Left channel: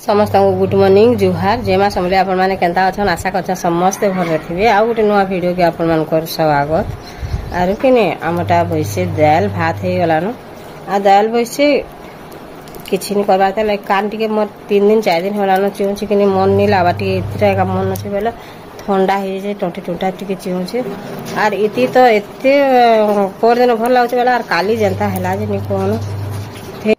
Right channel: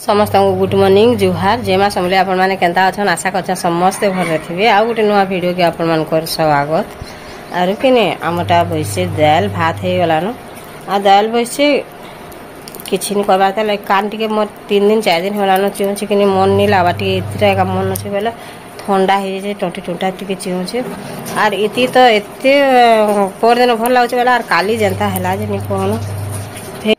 समस्त good morning जुहार जेमा समले आपण माने केंता अछन आशा करछन समस्त घर रथिबे आ गुटे नुवा वीडियो के आपण मान कर स्वागत आरु केने आमटा बइसे दाल भात हे गलानो आ दाल बइसे किछि नि करबा त लाइक कान टिके मोर 3 दिन 4 दिन होलानो चिउ चिकनी मन नि लाबा टिके इतरा का मन अछि बेला ठंडा हे जे टोटी टोटा टिके चिउ छे आर इति तो एते पर दिन भल लागछ बेला आर काली जनता हला जे नि कोनो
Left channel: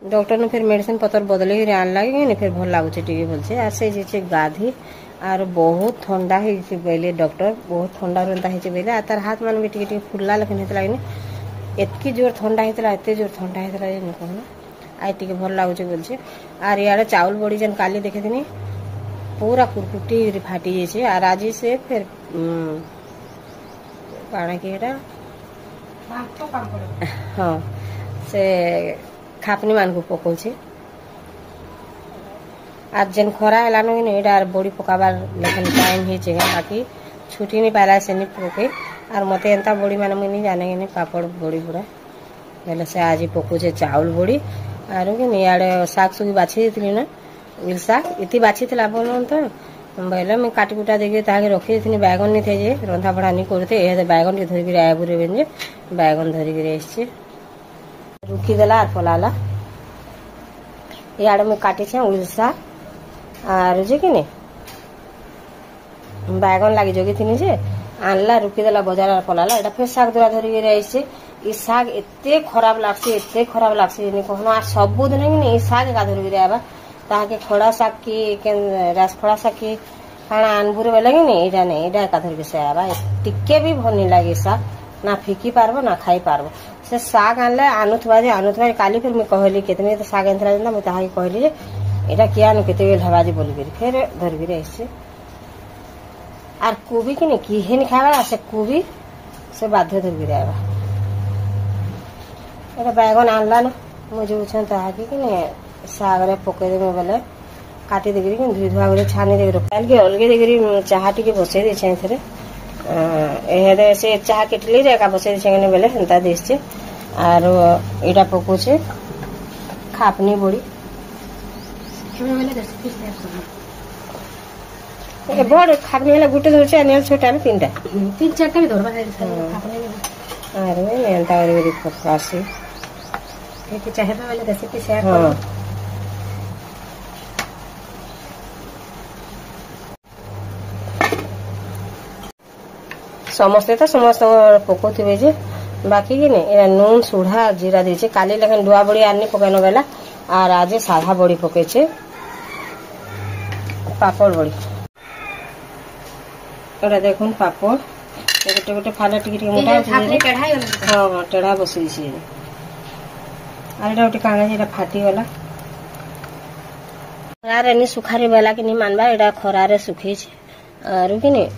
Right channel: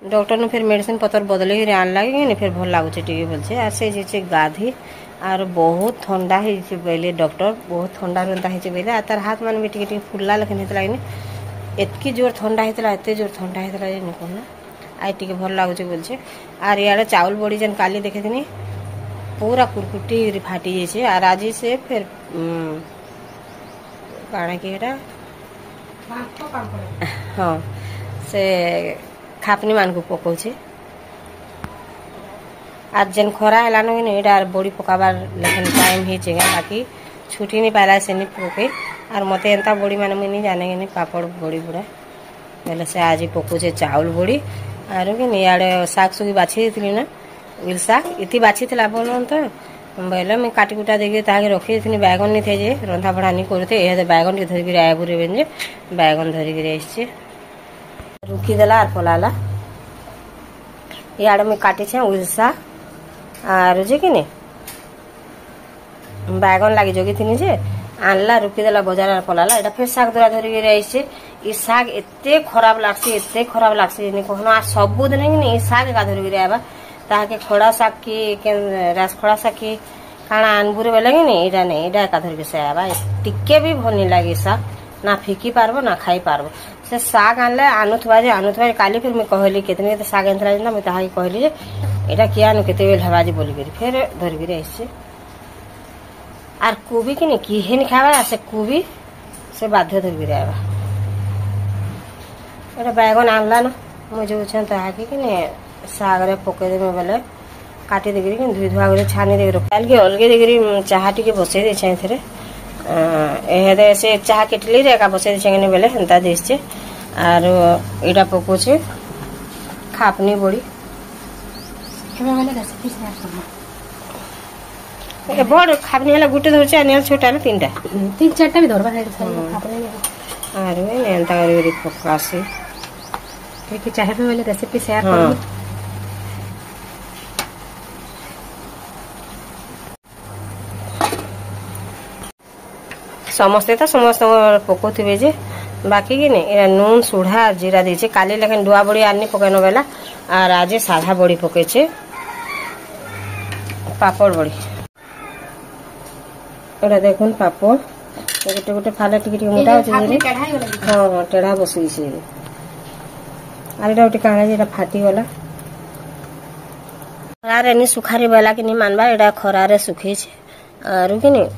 डॉक्टर ने फिर मेडिसिन पतर बदले ही आन लगे फिर भल लगुच बोलছে আর से जे गाधी आर बहुत ठंडा है बेले डॉक्टर बहुत ठंडा रंता है बेले आ तार हाथ मान भी टिके फुल्ला लखन हेतला एतकी जोर ठंडा हेतला एते जोर ठंडा हेतला जे न कोन आई टिके भल लगुच बोलছে आर याडे चावल बड़ी जन काली देखे दिनी पूरा कुरकुटी फाटी जेछे आर आज से फिर काना की एटा हां से खापनी मान को पकोछे आज जन खरा हलानो कि एटा बड़ी पकाबार लेकिन टाइम ही छे बाकी छुट्टी नहीं पाला से नहीं पके और मते एंता बड़ी माने नहीं जाने कि पापड़ बड़ी बुड़ा बेले से आज पकोछे चावल बड़ी आरो कि याडे साग सुगी बाछि दिथली ना इल साग इति बाछि थला बोलन तो बेले मैं काटी कुटा देके ताके रखि दिथनी बैगन नहीं थे जे रंधा बड़ा नहीं करते ए बैगन के धरि के आया बुरे बेन जे बैगन धरि के आइछे रुकी देला आर पलाला याड में काटे छे उलसा आर जे कि ने बैगन लागी जोगी थिनी जे आनला रुकी देला बाजार आर पलाला एटा फिर साग दुरा धरि के रहिसे ई साग एते खराब लागसे नि कहनो आ सब दिन नि ई साग का धरि के आबा ताके खड़ा साग की के रास खड़ा साग की खाना अनबुरे बेला कि नि एटा नै एटा का धरि के से आबा टिके भी भल नि लागे साग ना फिकी पारबो ना खाई पारबो से साग आनले आनुथवा जे काली फिर मैं कहली केतने तो साग एंथरा जे मैं ताहा कहली जे एटा किया न केते बेल हवा जे बोली करी फिर धर भी आइसे आर कोबी कि ने की हेन खावा से कोबी से बाध्य धर भी आबा एटा बैगन आनला न मु जो छन ताहा कि ने साग रे पके दे बेले काटी देगरी कि धुई धुआ करे छानी दे काल के अलगे देगरी चाहा टिके बसे दे छै थरे एहेदे से चाहा केटली रे का बसे दे छेने बेले हंता देछे आर एटा पकोछे खापनी बड़ी ए बड़ खापनी हला गुटे धरछे अनिया छोटा रे तीनटा तीन चारटा भी धरबा है आर में एंता रे पकासे के चाहे तो वाले रेसिपी शेयर करो समस्ते तो समस्त पकोथिबे जे बाकी की नहीं एरा नून सुढ़ा जीरा दीचे काली लेकिन डुआ बड़ी आनी पकानो बेला और आज साधा बड़ी पकेछे पापड़ बड़ी एरा देखुन पापड़ गोटे गोटे फाला टिके टिके मोटा अछि हां हां टेढ़ा बसि छै आर एटा गोटे काना जेटा फाटी वाला यार एनी सुखारी बेला कि नहीं मानबा एटा खरारे सुखी छै आर कि नहीं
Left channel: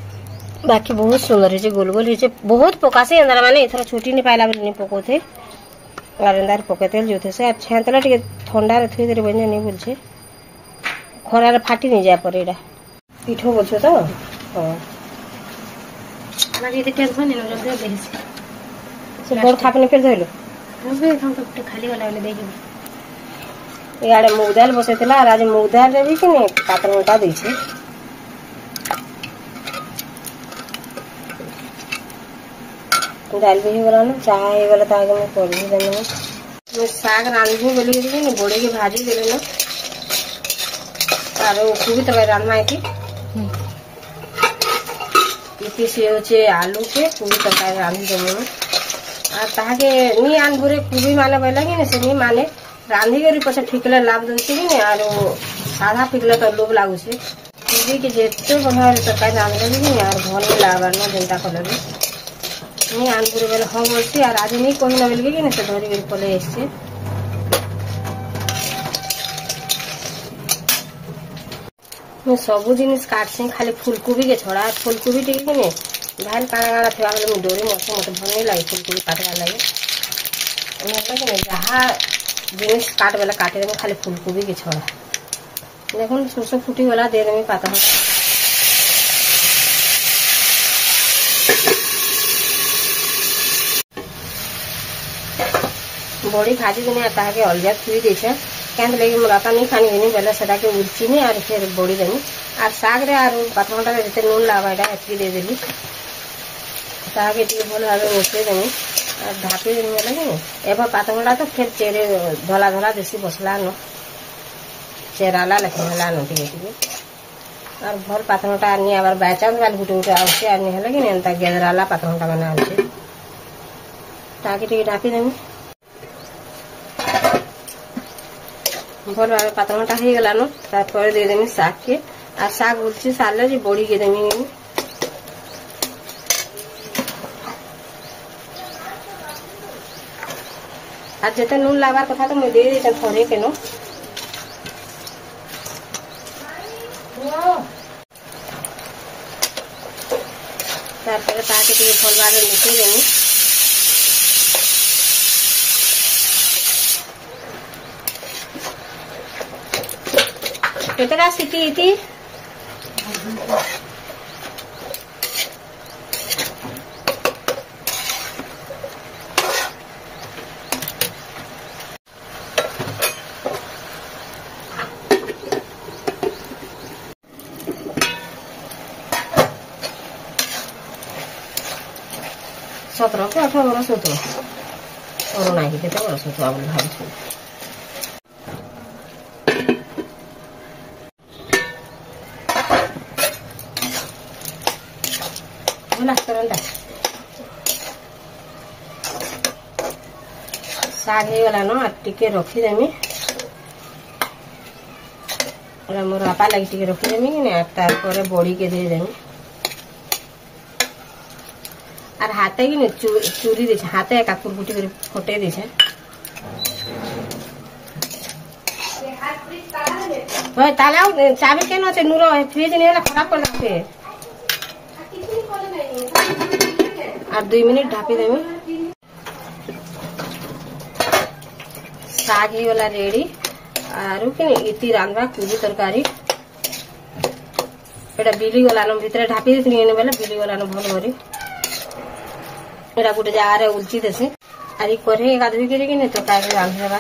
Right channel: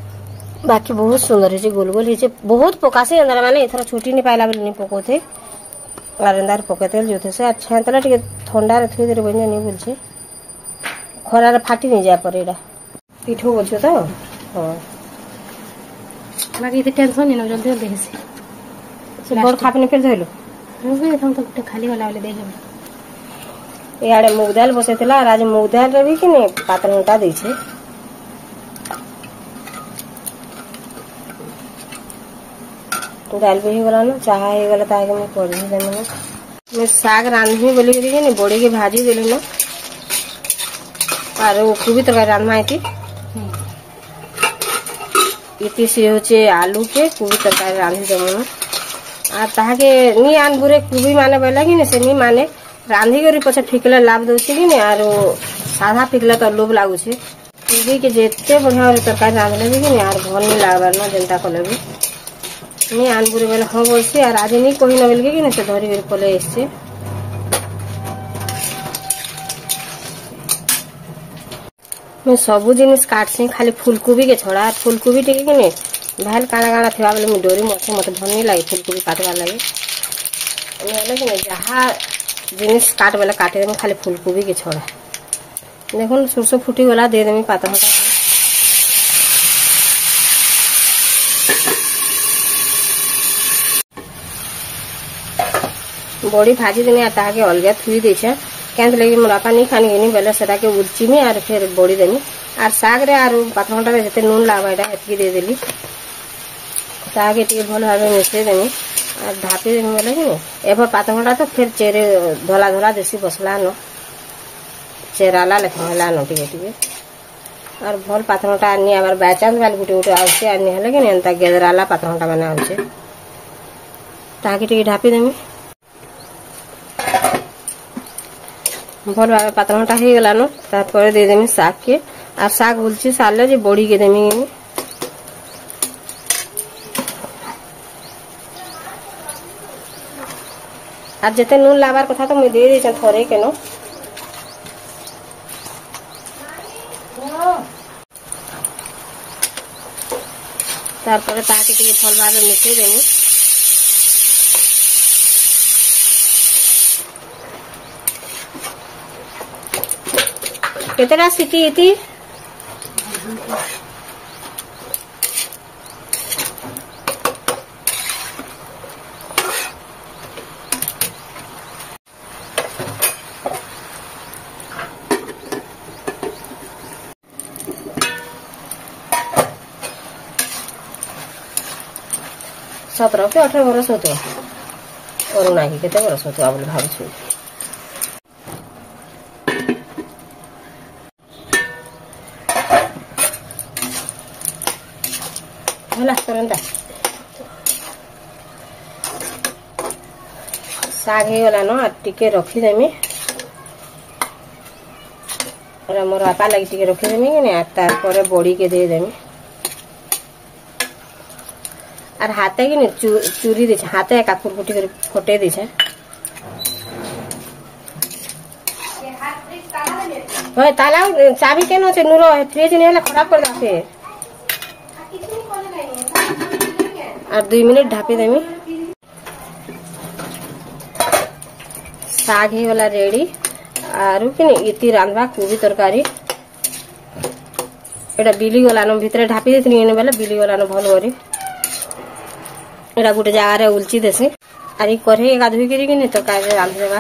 बाकी बहुत सुंदर है गोल गोल है बहुत पकासे अंदर माने इथर छुट्टी नहीं पाइला बेले नहीं पकोथे और अंदर पकेतेल जोथे से अच्छा तला टिके ठंडा रे थई देरे बने नहीं बोलछे खरा रे फाटी नहीं जाय पर एडा पिठो बोलछो तो हां हमरा इते टेंशन नहीं न जल्दी देसे से बड़ खापने फिर धइलो हम भी तो खाली वाला वाले देखे याडे मूंग दाल बसेतला और आज मूंग दाल रे भी कि ने पात्र मोटा दैछे दाल भी ही बनाना चाह ही गला ताके मैं पड़ी देने मैं साग रांधी बोली करी नि बड़े के भाजी देले न आरो कुबी तो रान्ना है इति से होचे आलू के कुबी तरकारी रांधी देने आ ताके नी आन बुरे कुबी माने बेला कि ने से नी माने रांधी करी पछे ठिकला लाभ दोसी कि ने आरो साधा ठिकला तो लोभ लागु छे कुबी के जेते बढ़िया तरकारी रांधले कि ने यार भल लागल न जनता को लगे नहीं आनपुरी बेला हम बोलछे और आज नहीं कोई नबल के नहीं से धरी बेल पले एसछे मैं सब जिनिस काटछे खाली फूलकोबी के छोड़ा फूलकोबी टिके कि नहीं भाल काना काना थेबा बेले मैं डोरी मसे मते भल नहीं लागे फूलकोबी काटवा लागे एने कि नहीं जहां जिनिस काट बेला काटे दे खाली फूलकोबी के छोड़ा देखुन सरसों फुटी वाला दे दे पाता बड़ी भाजी देने आता के अलग थुई देछे केंत लगी मोर आपा नहीं खानी गनी बेले सेटा के उर्चीनी और फिर बड़ी देनी और साग रे और पातरघंटा रे जते नून लावा एटा एतकी दे देली ताके टी भल भाबे मिसे देनी और ढापी देनी बोले कि एभर पातरघंटा तो फिर चेरे धोला धोला देसी बसला न चेराला लेखला न टिके और भल पातरघंटा आनी आबार बाचांस वाल गुटे गुटे आउसे आनी हले कि एंता गेदराला पातरघंटा बना होचे ताके टी ढापी देमी भल भाव पातरघंटा हो गलान तापर देदेमी शाग के आ शाग उलची सारे जे बड़ी के देमी आज जिते नून लाबार कथा तो मुझे दे दी घरे के नो तापर ताके टिके भल भाव मिसई देमी कितना सीटी थी सत्रह के 18 वर्ष होते और ना केते वर्ष होते आप भावछु शाग हो गलान टिके रखीदेमी मोर आपा लगी टिके रखीदेमी तार बड़ी के देदेमी और हाथे कि चूरी दे हाथे काकुर बुटी कर फटे दे ताला चाबी केन अच्छे नूर फ्रिज नहीं खराब कर जाते और 2 मिनट ढापी देमी शाग हो गला रेडी आरु कि इति रांधवा कोबी तरकारी एटा बिली गलान भितर ढापी देती बेले बिली गलान भल करी एटा गोटे जगार उलची देसी आर कढ़े गाधोई कर तरकारी रांधि देवा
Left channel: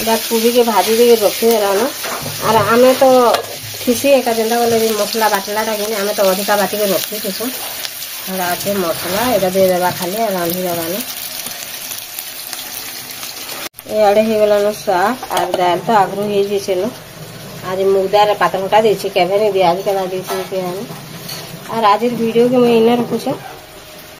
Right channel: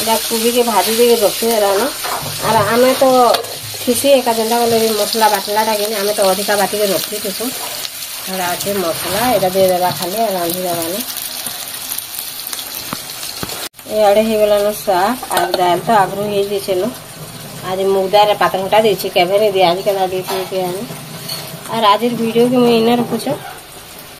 एटा कोबी के भाजी दे रखी देलान और आमे तो खिसी एका जेनता बोले मसला बाटलाटा कि आमे तो अधिका बाटी के रखी थीसु थोड़ा अच्छे मसला एटा दे देवा खाली रांधि देवान एआड़े हो गलान शाग और दाल तो आगरू हो जाइए आज मुगदार पातरघंटा देछि केभे नहीं दिया आज केना देछि के और आज वीडियो के मैं इने रखुछ।